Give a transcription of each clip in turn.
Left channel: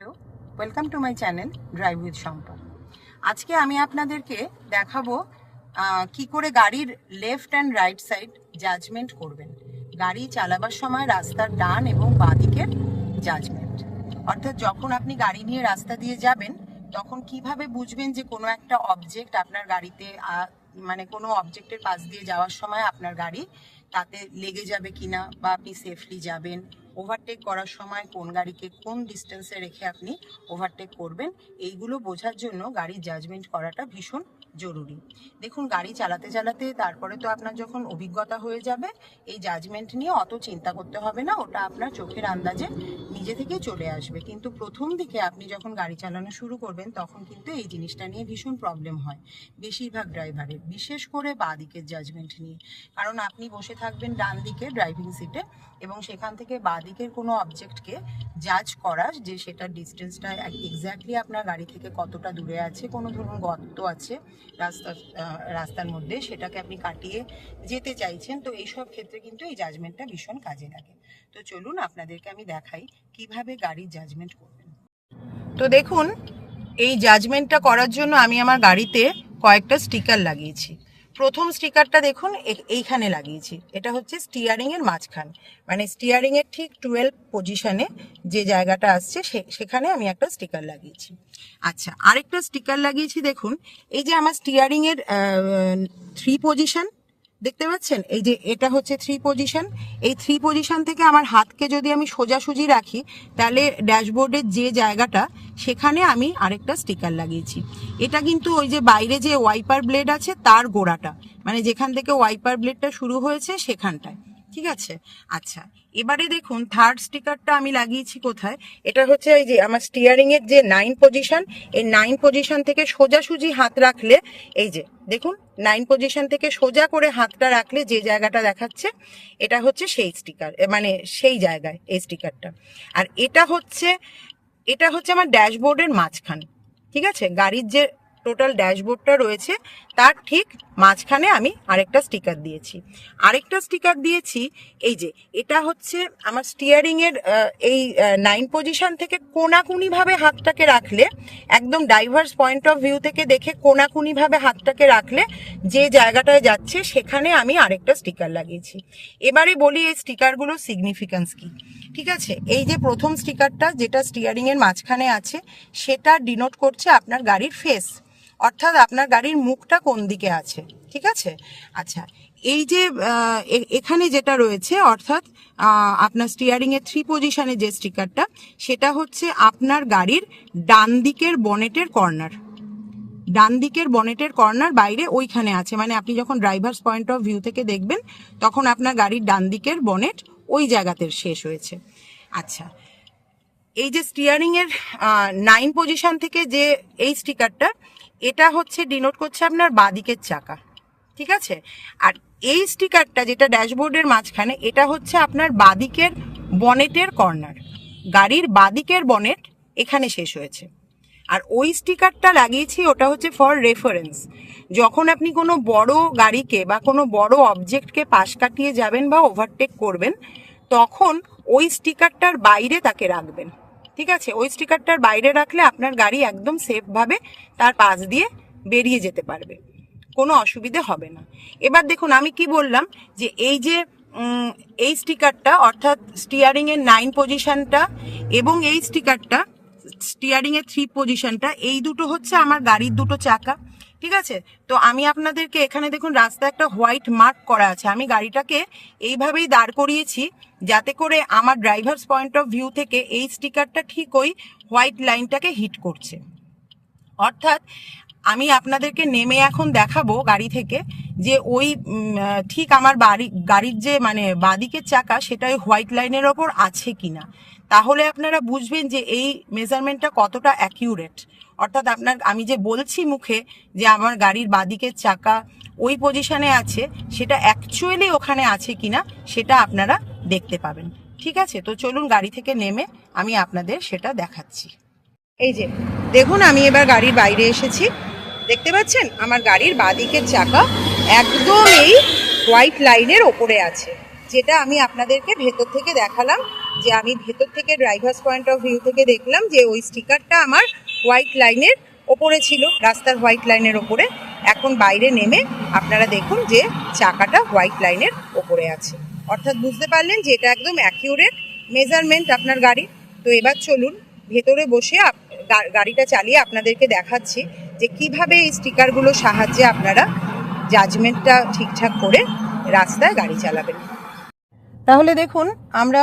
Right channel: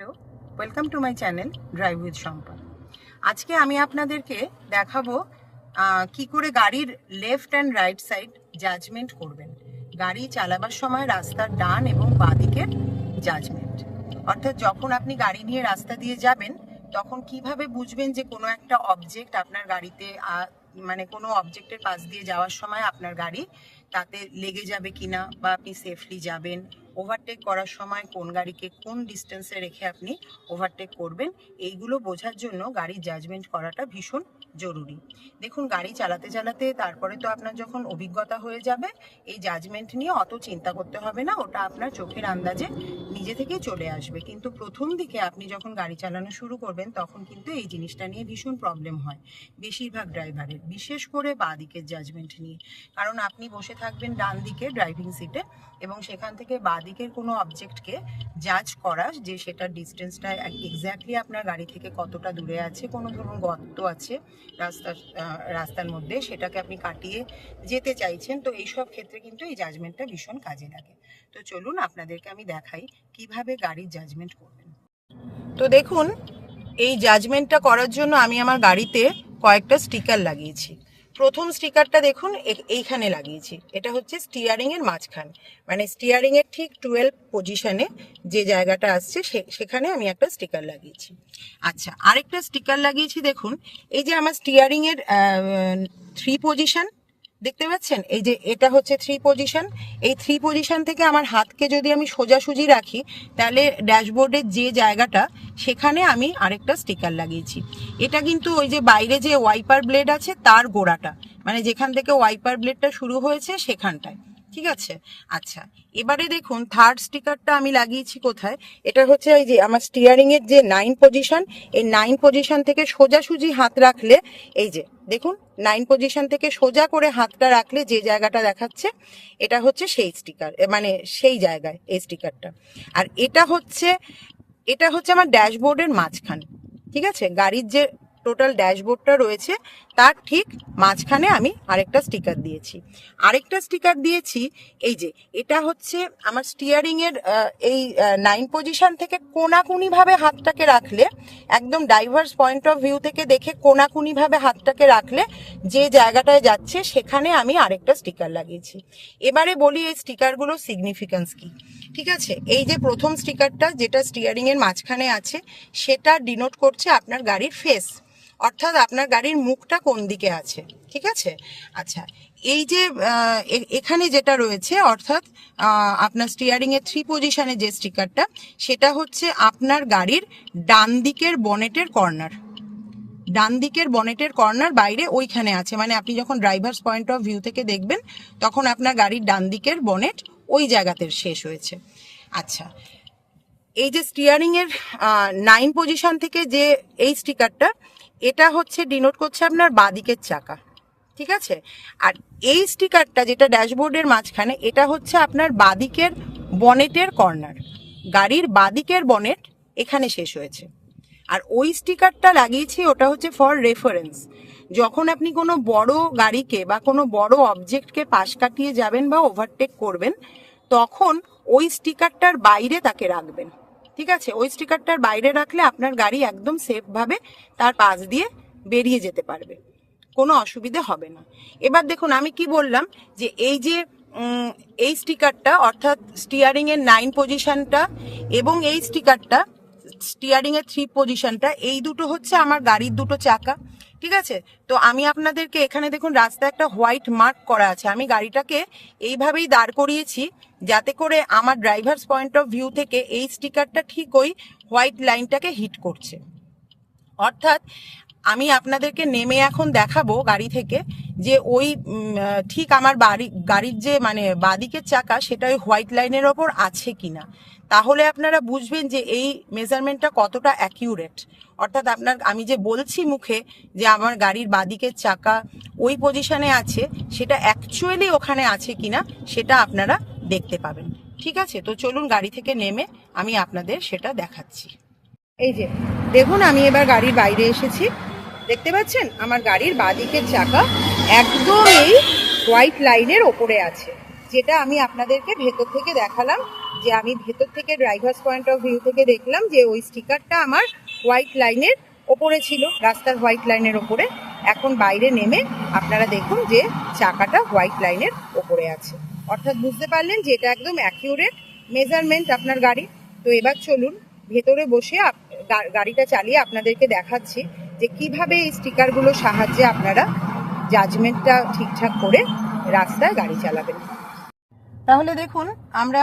Hello welcome to my channel drive with Shampa আজকে আমি আপনাদেরকে দেখাবো কি করে গাড়ির left and right side judgement করবেন। গাড়ি চালাবার সময় রাস্তার ডান এবং বাঁ দিকের জাজমেন্ট অর্থাৎ যখন আপনি গাড়ি নিয়ে রাস্তা দিয়ে যাবেন, তখন কীভাবে বুঝবেন যে কোনো একটা অবজেক্ট আপনার গাড়িতে মানে কোনো অবজেক্টের পাশ দিয়ে যাওয়ার সময় আপনার গাড়ি তাতে লেগে যাবে কিনা বা আপনি সেফলি যাবেন? ওভারটেক করার সময় কোন গাড়িকে কোন ডিস্টেন্সে রেখে আপনি ওভারটেক করবেন, এইগুলো বোঝার জন্য গাড়ির জাজমেন্ট করাটা ভীষণ জরুরি। দেখুন, গাড়ি চালাতে চালাতে তারপরে তো আপনার যখন অভিজ্ঞতা হয়ে যাবে, এই জাজমেন্ট নিয়ে অত চিন্তা করতে হবে না, ওটা আপনার চোখের আন্দাজে নিজে থেকেই চলে আসবে। কিন্তু প্রথম দিকে আপনি যখন গাড়ি চালানো শুরু করবেন, তখন কিন্তু এই জিনিসটা নিয়ে ভীষণ প্রবলেম হয়। বেশিরভাগ ড্রাইভারের বিশেষ করে বাঁ দিকের জাজমেন্ট নিয়ে। কারণ আপনি বসে থাকবেন ডান দিকে ড্রাইভিং সিটে এবং সেখান থেকে বাঁ দিকের কোনো অবজেক্টকে জাজ করার যে সেটার ডিস্টেন্সটা এক্স্যাক্টলি আপনার গাড়ি থেকে কতটা দূরে আছে, কোনো ধরুন গর্ত আছে রাস্তার রাস্তার মধ্যে, সেটাকে আপনি কাটিয়ে যেতে চাইছেন, তো এইসব ক্ষেত্রে কিন্তু এই জাজমেন্টটা ভীষণ কাজে লাগে। তো চলুন আপনাদেরকে আমি দেখাই কীভাবে গাড়ির জাজমেন্ট করবেন। তো দেখুন, এই জাজমেন্টটা করার জন্য আমি আমার গাড়িতে কয়েকটা স্টিকার লাগিয়েছি। প্রথম স্টিকারটা দেখুন এইখানে লাগিয়েছি। এটা হচ্ছে স্টিয়ারিং এর মাঝখান। মানে স্টিয়ারিং এর ঠিক টুয়েলভ পজিশনে যে জায়গাটা আসছে সেখানে আমি একটা স্টিকার লাগিয়েছি। আচ্ছা আরেকটা স্টিকার লাগিয়েছি, দেখুন, এই যে আমার স্টিয়ারিং এর থ্রি পজিশন দেখতে পাচ্ছেন? এই যে এটা হচ্ছে থ্রি পজিশন এই থ্রি পজিশন থেকে আমার হাতকে যদি আমি সোজাসুজি রাখি, তাহলে ড্যাশবোর্ডের যে জায়গাটা সেখানে আমি আরেকটা স্টিকার লাগিয়েছি। এটা কিন্তু ওই যে বাইরে যে ওয়াইপার ব্লেড আছে, তার গোড়াটা। মানে যেখান থেকে ওয়াইপার ব্লেডটা শুরু হয়েছে, সেখানটায়। ঠিক আছে? আচ্ছা এবারে দেখুন থার্ড স্টিকারটা আমি লাগিয়েছি কোথায়? এটা হচ্ছে এই যে আমার স্টিয়ারিং এর যে নাইন পজিশন এই নাইন পজিশন থেকে সোজাসুজি হাত রাখলে, এই যে, দেখুন নাইন পজিশন থেকে সোজা করে হাতটা রাখলে যে জায়গাটা দেখাচ্ছে, এটা হচ্ছে সেই স্টিকার মানে সেই জায়গায় এই স্টিকারটা আর এটা হচ্ছে এটা হচ্ছে আমার ড্যাশবোর্ডের মাঝখানে ঠিক আছে? গাড়ির যে টোটাল ড্যাশবোর্ডটা রয়েছে তার ঠিক মাঝখানে আমি আরেকটা স্টিকার দিয়েছি। আরেকটা স্টিকার দিয়েছি, এই যে, এটা হচ্ছে আমার স্টিয়ারিং এর এই নাইন পজিশন থেকে কোনাকুনি ভাবে হাতটাকে রাখলে, একদম ডাইভার্স পয়েন্ট অফ ভিউ থেকে দেখে কোনাকুনি ভাবে হাতটাকে রাখলে যে জায়গাটায় যাচ্ছে সেখানে আমি আরেকটা স্টিকার লাগিয়েছি। এবারে বলি এই স্টিকারগুলোর সিগনিফিক্যান্স কি। ঠিক আছে? এই যে প্রথম স্টিকারটা যেটা স্টিয়ারিং এর মাঝখানে আছে, সেটা ডিনোট করছে আপনার গাড়ির ফেস অর্থাৎ আপনার গাড়ির মুখটা কোন দিকে আছে? ঠিক আছে? আচ্ছা এই যে এখানে যেটা রয়েছে, অর্থাৎ আপনার স্টিয়ারিং এর থ্রি পজিশনে যে স্টিকারটা সেটা হচ্ছে আপনার গাড়ির ডান দিকের বনেটের কর্নার ডান দিকের বনেটের কর্নার বাইরে ওইখানে আছে। মানে আপনি যখন ড্রাইভার্স পয়েন্ট অফ ভিউ থেকে দেখবেন, তখন আপনার গাড়ির ডান দিকের বনেট ওই জায়গাতে শেষ হয়েছে। আচ্ছা এই যে স্টিয়ারিং এর নাইন পজিশন থেকে যে এই স্টিকারটা এটা হচ্ছে ডিনোট করছে আপনার বাদিকের চাকা, ঠিক আছে? আর এই স্টিকারটা যেটা ড্যাশবোর্ডের মাঝখানে, এটা হচ্ছে আপনার বাদিকের বনেটের কর্নার গাড়ির বাদিকের বনেট এখানে শেষ হয়েছে। আর ওই স্টিকারটা লাগিয়েছি, ওটা হচ্ছে ফর রেফারেন্স যখন আপনি কোনো বড় গাড়িকে বা কোনো বড় অবজেক্টকে পাশ কাটিয়ে যাবেন বা ওভারটেক করবেন, তখন ওই স্টিকারটার বাইরে তাকে রাখবেন। ঠিক আছে? ওই স্টিকারটার বাইরে রাখলে আপনার গাড়ি একদম সেফভাবে তার পাশ দিয়ে বেরিয়ে যেতে পারবে। কোনো অসুবিধে হবে না। এবার দেখুন, আমি কি বললাম যে এই যে এই স্টিকারটা অর্থাৎ স্টিয়ারিংয়ের নাইন পজিশনটা এবং এই স্টিকারটা স্টিয়ারিংয়ের থ্রি পজিশনটা এই দুটো হচ্ছে আমার গাড়ির দুটো চাকা। ঠিক আছে? তো আমি আপনাদেরকে এখানে দেখুন, রাস্তায় একটা হোয়াইট মার্ক করা আছে। আমি গাড়িটাকে এইভাবেই দাঁড় করিয়েছি যাতে করে আমার ড্রাইভার্স পয়েন্ট অফ ভিউ থেকে এই স্টিকারটা ঠিক ওই হোয়াইট লাইনটাকে হিট করছে। অর্থাৎ আমি আপনাদেরকে নেমে এখন দেখাবো গাড়ি থেকে যে ওই ঠিক আমার বাড়ি, গাড়ির যে মানে বাদিকের চাকা সেটা ওই হোয়াইট লাইনের ওপর আছে কিনা। তাহলে আপনারা বুঝবেন যে এই মেজারমেন্টটা কতটা অ্যাকিউরেট। অর্থাৎ আপনার, আমি যে বলছি মুখে যে আমার গাড়ির বাদিকের চাকা ওই পজিশনে আছে, সেটা অ্যাকচুয়ালি ওখানে আছে কিনা সেটা আপনারা দেখতে পাবেন। ঠিক আছে? তো চলুন গাড়ি থেকে নেমে আমি আপনাদের সেটা দেখাচ্ছি। এই যে, দেখুন আমি এবার গাড়ির বাইরে এসেছি। দেখতে পাচ্ছেন? আমার গাড়ির বাদিকের চাকা একদম এই হোয়াইট লাইনের ওপরে আছে। যেটা আমি আপনাদেরকে ভেতর থেকে দেখালাম, যে আমি ভেতর থেকে ড্রাইভার্স পয়েন্ট অফ ভিউ থেকে দেখলাম যে ওই স্টিকারটা আমার হোয়াইট লাইনের ওপরে ছিল, রাস্তার হোয়াইট লাইনের ওপরে। এখন বাইরে নেমে আপনারা দেখুন যে চাকাটা হোয়াইট লাইনের ওপরে আছে। অর্থাৎ বুঝতে পারলেন যে এটা একদম অ্যাকিউরেট মেজারমেন্ট আপনার গাড়ি তো এবার চলুন, ভেতরে বসে গাড়িটা চালিয়ে আপনাদেরকে দেখাচ্ছি। যে কীভাবে এই স্টিকারগুলোর সাহায্যে আপনারা জাজমেন্টটা ঠিকঠাক করে রাস্তায় গাড়ি চালাবেন। তাহলে দেখুন, আমরা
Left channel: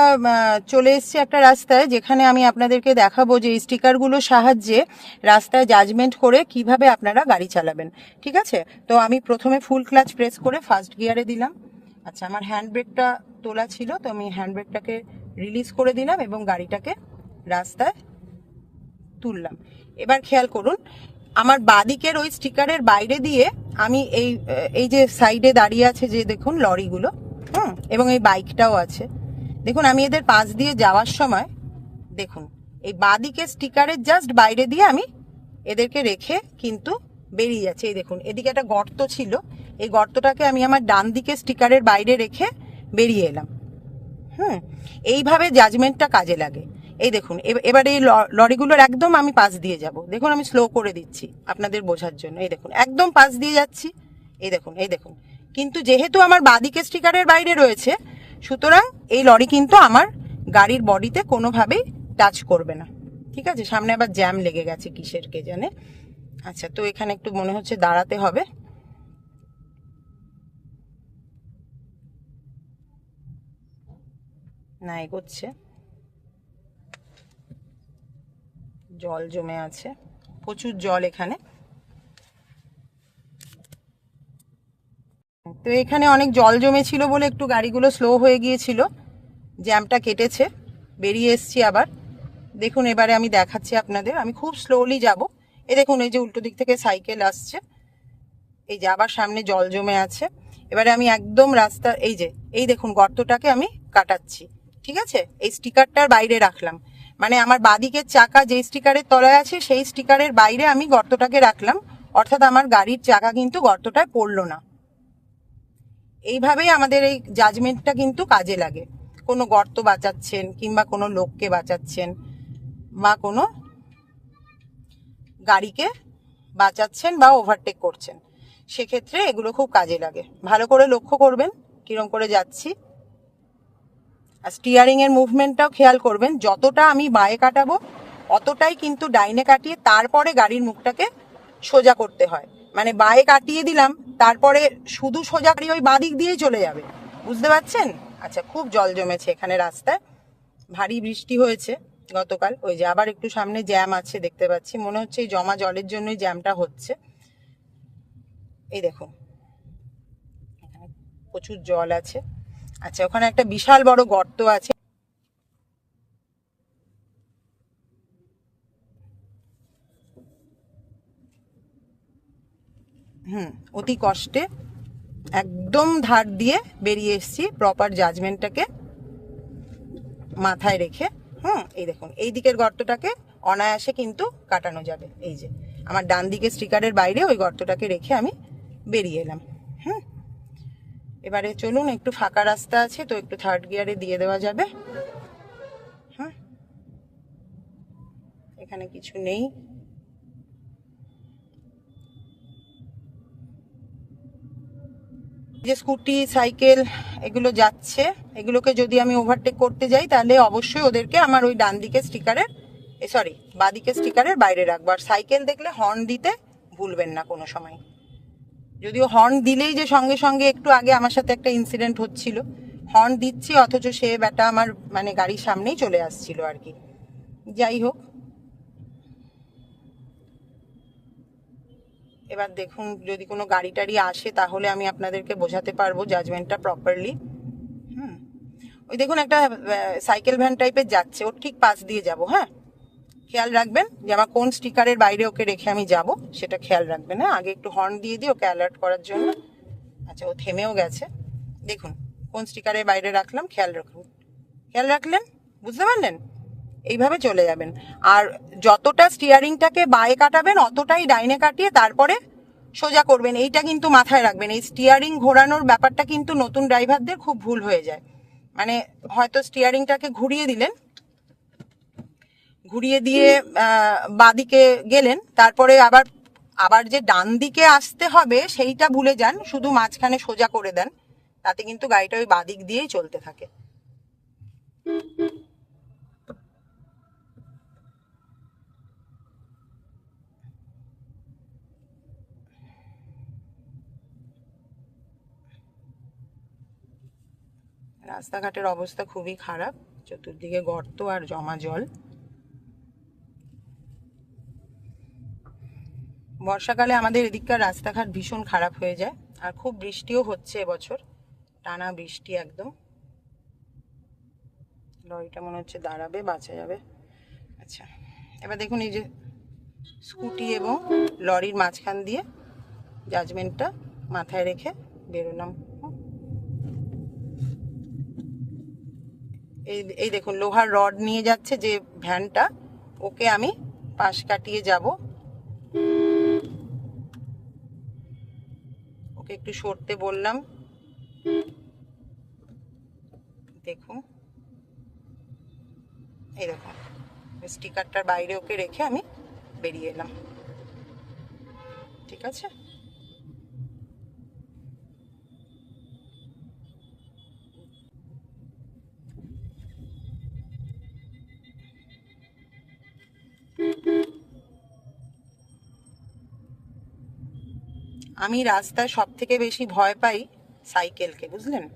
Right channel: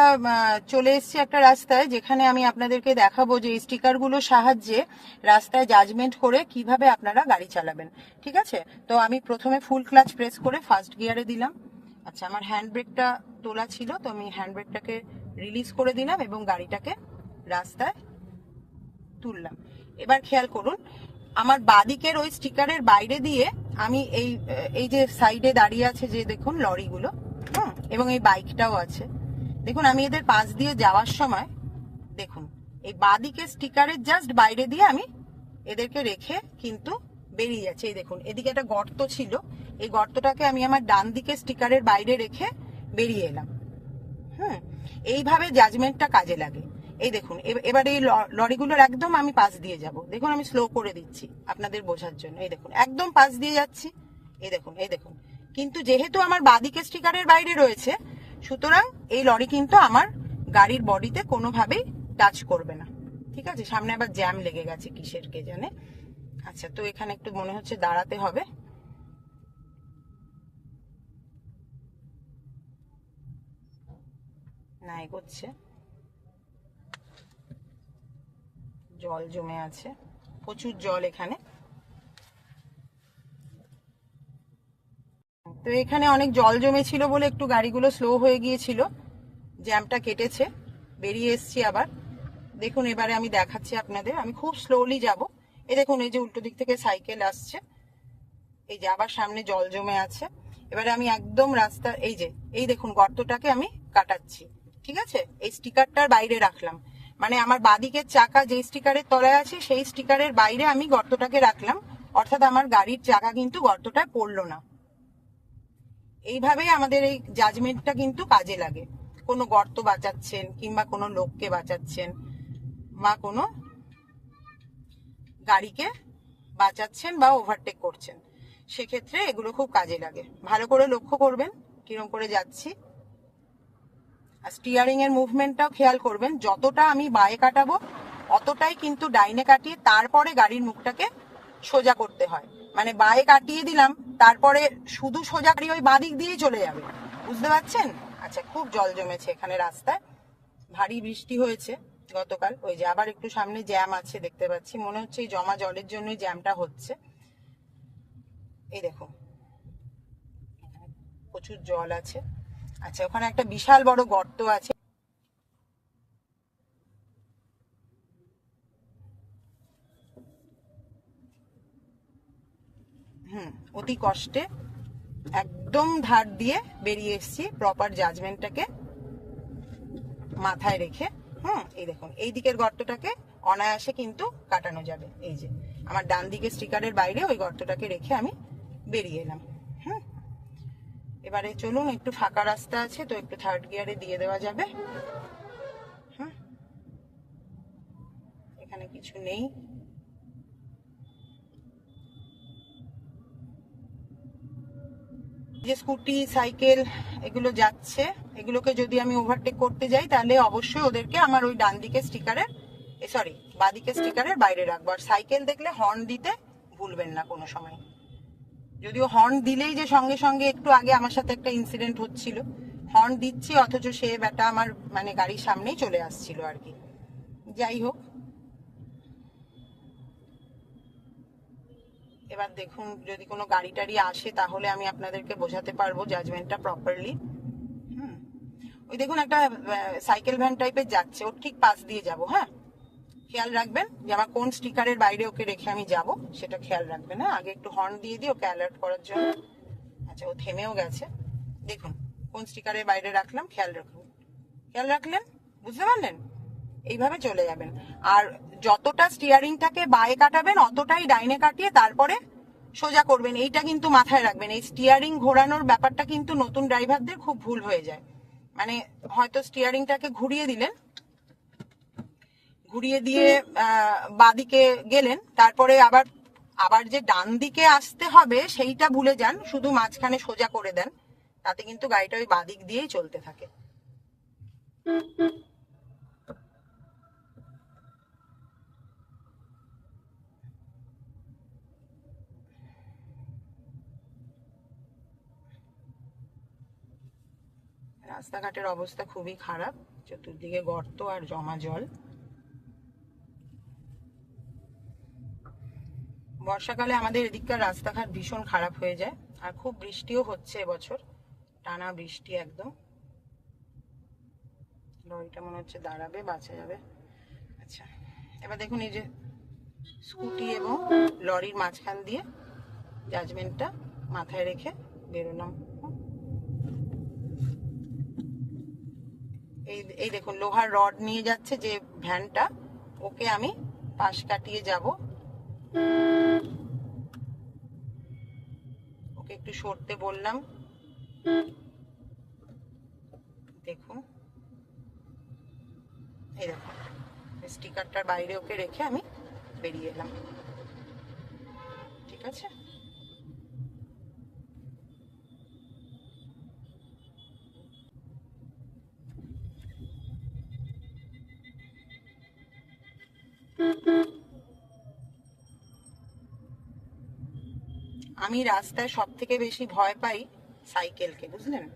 চলে এসেছি একটা রাস্তায় যেখানে আমি আপনাদেরকে দেখাবো যে এই স্টিকারগুলোর সাহায্যে রাস্তায় জাজমেন্ট করে কীভাবে আপনারা গাড়ি চালাবেন, ঠিক আছে? তো আমি প্রথমে ফুল ক্লাচ প্রেস করে ফার্স্ট গিয়ারে দিলাম। আচ্ছা আমার হ্যান্ড ব্রেকটা তোলা ছিল, তো আমি হ্যান্ড ব্রেকটাকে রিলিজ করে দিলাম এবং গাড়িটাকে রাস্তায় তুললাম। এবার খেয়াল করুন আমার বাদিকের ওই স্টিকারের বাইরে দিয়ে আমি এই এই যে সাইডে দাঁড়িয়ে আছে যে দেখুন লরিগুলো, হুম, এবং এই বাইকটাও আছে। দেখুন, আমি এদের পাশ দিয়ে যাওয়ার সময়, দেখুন, এই বাদিকের স্টিকারের জাস্ট বাইরে দিয়ে আমি এদেরকে রেখে কিন্তু বেরিয়ে যাচ্ছে। এই দেখুন, এদিকে একটা গর্ত ছিল, এই গর্তটাকে আমি আমার ডান দিকে স্টিকারের বাইরে রেখে বেরিয়ে এলাম। হুম, এইভাবে জাজমেন্টটা কাজে লাগে। এই দেখুন, এব- এবার এই লরিগুলোর একদম আমি পাশ দিয়ে যাব। দেখুন, আমি স্লো করে দিচ্ছি আপনাদের বোঝার জন্য। এই দেখুন, একদম পাশ দিয়ে যাচ্ছি। এই দেখুন এই দেখুন। কিন্তু যেহেতু আমার বাদিকে স্টিকারের বাইরে রয়েছে, সুতরাং এই লরি কিন্তু আমার গাড়ির বডিতে কোনোভাবেই টাচ করবে না। ঠিক আছে? সামনে আবার জ্যাম লেগে গেছে কিসের কে জানে? আচ্ছা তো এখানে একটু মনে হচ্ছে দাঁড়াতে হবে। না, এগোচ্ছে। জল জমে আছে। প্রচুর জল এখানে। তো এখানে অনেক জল জমেছিল বলে একটু গাড়িগুলো স্লো হয়ে গিয়েছিল। জ্যামটা কেটেছে। বেরিয়ে এসছি আবার। দেখুন, এবারে আমি দেখাচ্ছি আপনাদের। আমি খুব স্লোলি যাব। এ দেখুন, এই যে উল্টো দিক থেকে সাইকেল আসছে। এই যে আবার সামনে জল জমে আছে। এবারে আমি একদম রাস্তার, এই যে, এই দেখুন গর্তটাকে আমি কাটাচ্ছি। ঠিক আছে? এই স্টিকারটার বাইরে রাখলাম। মানে আমার বাদিকের চাকা যে স্টিকারের তলায় আছে, সেই স্টিকারের বাইরে আমি গর্তটাকে রাখলাম। অর্থাৎ আমার গাড়ির চাকা কিন্তু গর্তটায় পড়ল না। এইভাবেই আমাদের এই জাজমেন্টটা কিন্তু কাজে লাগে। কোনো গর্ত বাঁচাচ্ছেন কিংবা কোনো লোককে বাঁচাচ্ছেন বা কোনো গাড়িকে বাঁচাচ্ছেন বা ওভারটেক করছেন। সেক্ষেত্রে এগুলো খুব কাজে লাগে। ভালো করে লক্ষ্য করবেন, কিরম করে যাচ্ছি। আর স্টিয়ারিং এর মুভমেন্টটাও খেয়াল করবেন, যতটা আমি বায়ে কাটাবো, অতটাই কিন্তু ডাইনে কাটিয়ে তারপরে গাড়ির মুখটাকে সোজা করতে হয়। মানে বায়ে কাটিয়ে দিলাম, তারপরে শুধু সোজা গাড়ি ওই বাদিক দিয়েই চলে যাবে। বুঝতে পারছেন? আচ্ছা খুব জল জমেছে এখানে রাস্তায়। ভারী বৃষ্টি হয়েছে গতকাল। ওই যে আবার একটু সামনে জ্যাম আছে, দেখতে পাচ্ছি। মনে হচ্ছে এই জমা জলের জন্যই জ্যামটা হচ্ছে। এই এখানে প্রচুর জল আছে। আচ্ছা ওখানে একটা বিশাল বড় গর্ত আছে। হুম, অতি কষ্টে একদম ধার দিয়ে বেরিয়ে এসেছি প্রপার জাজমেন্টটাকে মাথায় রেখে। হুম, এই দেখুন, এই দিকের গর্তটাকে অনায়াসে কিন্তু কাটানো যাবে। এই যে, আমার ডান দিকে স্টিকারের বাইরে ওই গর্তটাকে রেখে আমি বেরিয়ে এলাম। হুম এবারে চলুন, একটু ফাঁকা রাস্তা আছে তো একটু থার্ড গিয়ারে দিয়ে দেওয়া যাবে। হ্যাঁ এখানে কিছু নেই। যে স্কুটি, সাইকেল, এগুলো যাচ্ছে, এগুলোকে যদি আমি ওভারটেক করতে যাই, তাহলে অবশ্যই ওদেরকে আমার ওই ডান দিকে স্টিকারের সরি বাদিকে স্টিকারের বাইরে রাখব। আর সাইকেল দেখলে হর্ন দিতে ভুলবেন না কোনো সময়। যদিও হর্ন দিলেই যে সঙ্গে সঙ্গে একটু আগে আমার সাথে একটা ইনসিডেন্ট হচ্ছিল। হর্ন দিচ্ছি, অথচ সে ব্যাটা আমার মানে গাড়ির সামনেই চলে আসছিল আর কি। যাই হোক। এবার দেখুন, যদি কোনো গাড়ি টাড়ি আসে তাহলে আমি আপনাদেরকে বোঝাতে পারব জাজমেন্টটা প্রপারলি হুম। ওই দেখুন একটা সাইকেল ভ্যান টাইপের যাচ্ছে। ওর ঠিক পাশ দিয়ে যাব হ্যাঁ? খেয়াল রাখবেন যে আমার কোন স্টিকারের বাইরে ওকে রেখে আমি যাব, সেটা খেয়াল রাখবেন হ্যাঁ? আগে একটু হর্ন দিয়ে দিই, ওকে অ্যালার্ট করার জন্য। আচ্ছা ও থেমেও গেছে। দেখুন, কোন স্টিকারের বাইরে রাখলাম, খেয়াল রাখুন। খেয়াল রাখলেন? বুঝতে পারলেন? এইভাবে চলে যাবেন। আর যতটা স্টিয়ারিংটাকে বায়ে কাটাবেন, অতটাই ডাইনে কাটিয়ে তারপরে সোজা করবেন। এইটা কিন্তু মাথায় রাখবেন। এই স্টিয়ারিং ঘোরানোর ব্যাপারটা কিন্তু নতুন ড্রাইভারদের খুব ভুল হয়ে যায়। মানে হয়তো স্টিয়ারিংটাকে ঘুরিয়ে দিলেন ঘুরিয়ে দিয়ে বাদিকে গেলেন। তারপরে আবার আবার যে ডান দিকে আসতে হবে, সেইটা ভুলে যান। শুধু মাঝখানে সোজা করে দেন। তাতে কিন্তু গাড়িটা ওই বাদিক দিয়েই চলতে থাকে। রাস্তাঘাটের অবস্থা খুবই খারাপ। চতুর্দিকে গর্ত আর জমা জল। বর্ষাকালে আমাদের এদিককার রাস্তাঘাট ভীষণ খারাপ হয়ে যায়, আর খুব বৃষ্টিও হচ্ছে এবছর, টানা বৃষ্টি একদম। লরিটা মনে হচ্ছে দাঁড়াবে, বাঁচা যাবে। আচ্ছা এবার দেখুন এই যে স্কুটি এবং লরির মাঝখান দিয়ে জাজমেন্টটা মাথায় রেখে বেরোলাম। এই এই দেখুন, লোহার রড নিয়ে যাচ্ছে যে ভ্যানটা ওকে আমি পাশ কাটিয়ে যাব। ওকে একটু সরতে বললাম। দেখো। এই দেখো স্টিকারটার বাইরে ওকে রেখে আমি বেরিয়ে এলাম। ঠিক আছে? আমি রাস্তায় সব থেকে বেশি ভয় পাই সাইকেলকে, বুঝলেন?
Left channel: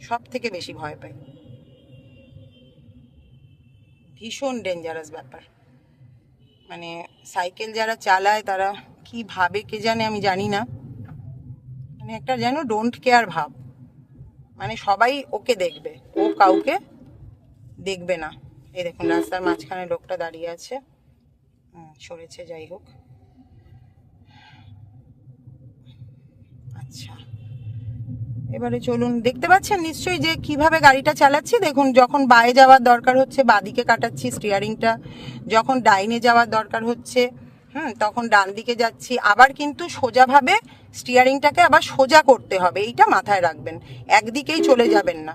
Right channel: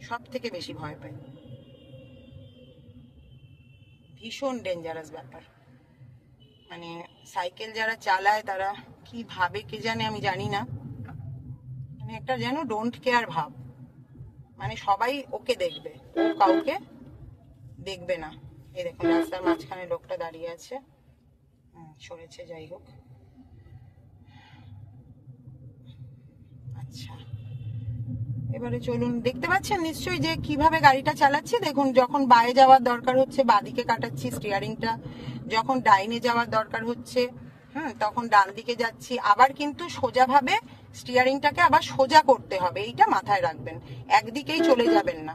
সব থেকে বেশি ভয় পাই। ভীষণ ডেঞ্জারাস ব্যাপার। মানে সাইকেল যারা চালায় তারা কি ভাবে কে জানে আমি জানি না। মানে একটা যেন ডোন্ট কেয়ার ভাব। মানে সবাই ওকে দেখবে ও কাউকে দেখবে না। এই দেখুন, রাস্তার মাঝখানে লোকটা দাঁড়িয়ে আছে। সরেছে, যাই হোক। আচ্ছা। এবারে চলুন, দেখতে পাচ্ছেন নিশ্চয়ই যে কীভাবে গাড়িটা চালাচ্ছি? দেখুন, যখন বায়ে যাওয়ার দরকার হচ্ছে, বাদিকে কাটাচ্ছি স্টিয়ারিংটা যখন ডাইনে যাওয়ার দরকার হচ্ছে, হুম, তখন ডান দিকে যাচ্ছি। আবার কিন্তু সোজাভাবে স্টিয়ারিংটাকে আবার সোজা করতে হবে, এইটা মাথায় রাখবেন। একদিকেই চলে যাবেন না।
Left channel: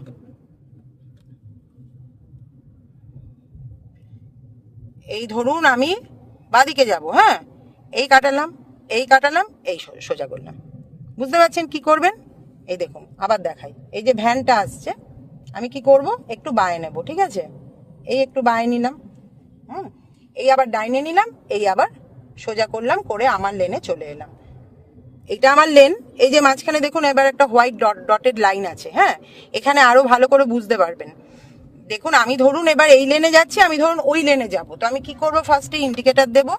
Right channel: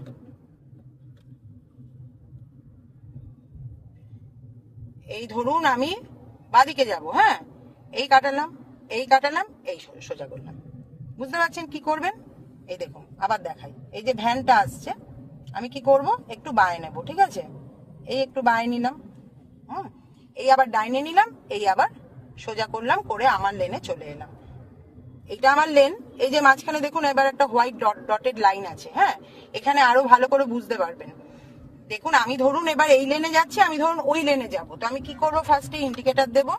এই ধরুন আমি বাদিকে যাব হ্যাঁ? এই কাটালাম এই কাটালাম, এই সোজা করলাম। বুঝতে পারছেন কি করবেন? এই দেখুন, আবার দেখাই। এই যে ভ্যানটা আসছে, আমি কি করব? একটু বায়ে নেব, ঠিক আছে? এই একটু বায়ে নিলাম, হুম? এই আবার ডাইনে নিলাম, এই আবার সোজা করলাম, করে আমার লেনে চলে এলাম। এটা আমার লেন, এই যে মাঝখানে দেখুন, এবার একটা হোয়াইট ডট, ডটেড লাইন আছে হ্যাঁ? এখানে আরও ভালো করে বুঝতে পারবেন। দেখুন, আমি ধরুন এবার এই লেনে যাচ্ছি, আমি ধরুন ওই লেনে যাব। তো আমি কি করব? ফার্স্টে ইন্ডিকেটর দেব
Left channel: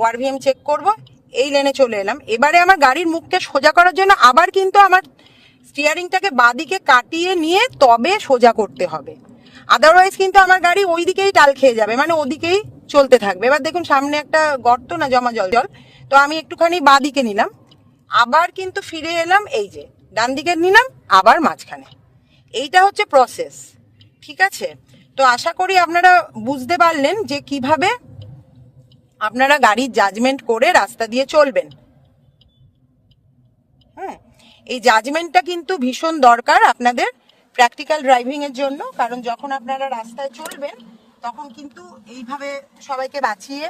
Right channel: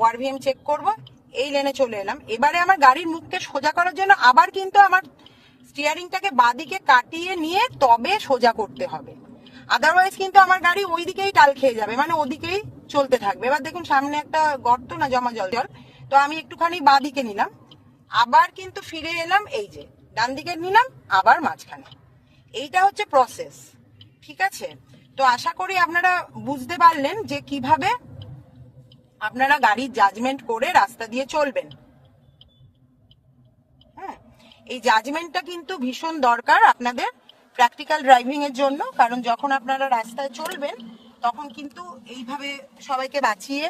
ওআরভিএম চেক করব এই লেনে চলে এলাম। এবারে আমার গাড়ির মুখকে সোজা করার জন্য আবার কিন্তু আমার স্টিয়ারিংটাকে বাদিকে কাটিয়ে নিয়ে তবে সোজা করতে হবে। আদারওয়াইজ কিন্তু আমার গাড়ি ওই দিকেই টাল খেয়ে যাবে মানে ওদিকেই চলতে থাকবে। এবার দেখুন, সামনে একটা গর্ত না, জমা জল জল। তো আমি একটুখানি বাদিকে নিলাম। আবার কিন্তু ফিরে এলাম, এই যে ডান দিকে নিলাম, আবার মাঝখানে। এইটা হচ্ছে প্রসেস ঠিক আছে? তো আশা করি আপনারা বুঝতে পারলেন যে কীভাবে আপনারা গাড়ির জাজমেন্ট করে রাস্তা দিয়ে চলবেন। হুম, এই জাজমেন্টটা কিন্তু ভীষণ দরকার আপনাদের প্র্যাকটিক্যাল ড্রাইভিং এর জন্য, কারণ যখন আপনারা রাস্তায় চলবেন, তখন কিন্তু এইভাবে সবাইকে বাঁচিয়ে,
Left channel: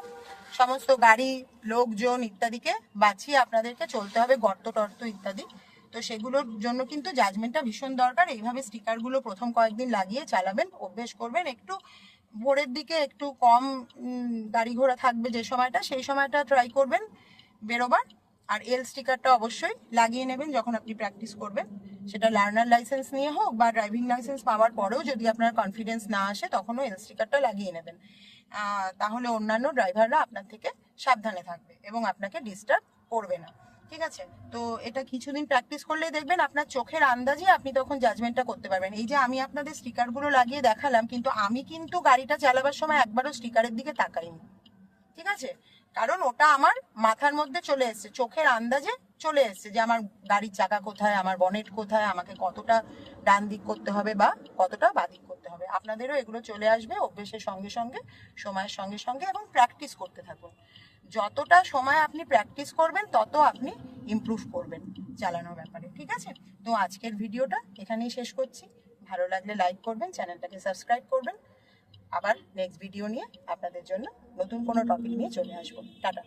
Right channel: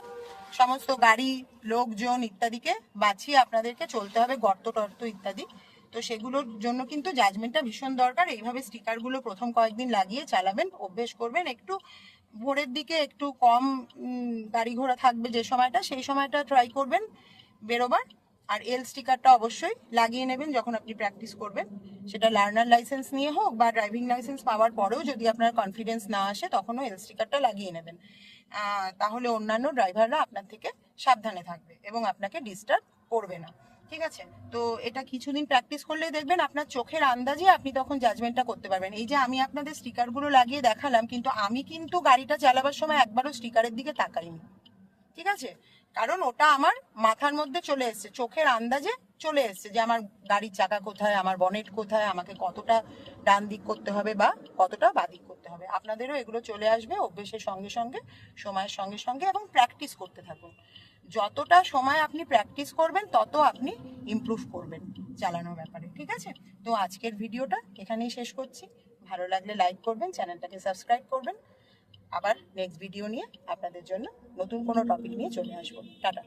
সমস্ত গাড়ি, লোকজন ইত্যাদিকে বাঁচিয়ে আপনাদেরকে চলতে হবে, গর্ত টর্ত ইত্যাদি। তো সেগুলোর জন্য কিন্তু জাজমেন্টটা ভীষণ দরকার। এইভাবে স্টিকারগুলো প্রথম কয়েকদিন লাগিয়ে চালাবেন, অভ্যেস করবেন, একটু ভোরের দিকে একটু কম গাড়ি ঘোড়া থাকবে যে সময়টা, সেই সময়টা ট্রাই করবেন বেরোবার। আর এল স্টিকারটা অবশ্যই লাগিয়ে নেবেন যখন আপনি প্র্যাকটিস করবেন। সেটা লার্নার লাইসেন্স নিয়ে হোক বা ড্রাইভিং লাইসেন্স পাওয়ার পরেও যদি আপনার কনফিডেন্স না আসে, তখনও এল স্টিকারটা লাগিয়ে নেবেন। তাহলে অন্যান্য ড্রাইভাররা আপনার থেকে সাবধানে থাকবে এবং আপনাকে ডিস্টার্ব করবে না। ঠিক আছে? তো এটা কিছুদিন প্র্যাকটিস করলে দেখবেন আপনার চোখের আন্দাজে আপনি তখন জাজমেন্টটা করতে পারবেন। এই যে আমি আপনাদের স্টিকারগুলো লাগিয়ে দেখালাম, কিন্তু আমি কিন্তু গাড়িটা চালাবার সময় একবারও স্টিকারের দিকে তাকাইনি। ঠিক আছে? কারণ ওটা আমার মাথার মধ্যে চলে এসেছে, চোখের আন্দাজে চলে এসেছে যে আমার গাড়ির চাকা কোথায়, আমার বনেট কোথায়, আমাকে কতটা ডান দিক করতে হবে বা কতটা বাদিক করতে হবে। আপনাদেরও এগুলো চলে আসবে অভ্যেসের সঙ্গে সঙ্গে, সময়ের সঙ্গে সঙ্গে এবং প্র্যাকটিস করতে থাকুন। যতটা সময় আপনি প্র্যাকটিস করবেন, তত আপনি ইমপ্রুভ করবেন চালানোর ব্যাপারে, ঠিক আছে? তো আজকের ভিডিওটা এখানেই শেষ করছি। ভালো লাগলে লাইক করবেন, চ্যানেলটাকে সাবস্ক্রাইব করবেন। আবার নেক্সট ভিডিও নিয়ে আপনাদের জন্য নতুন কোনো টপিক নিয়ে চলে আসব। টাটা।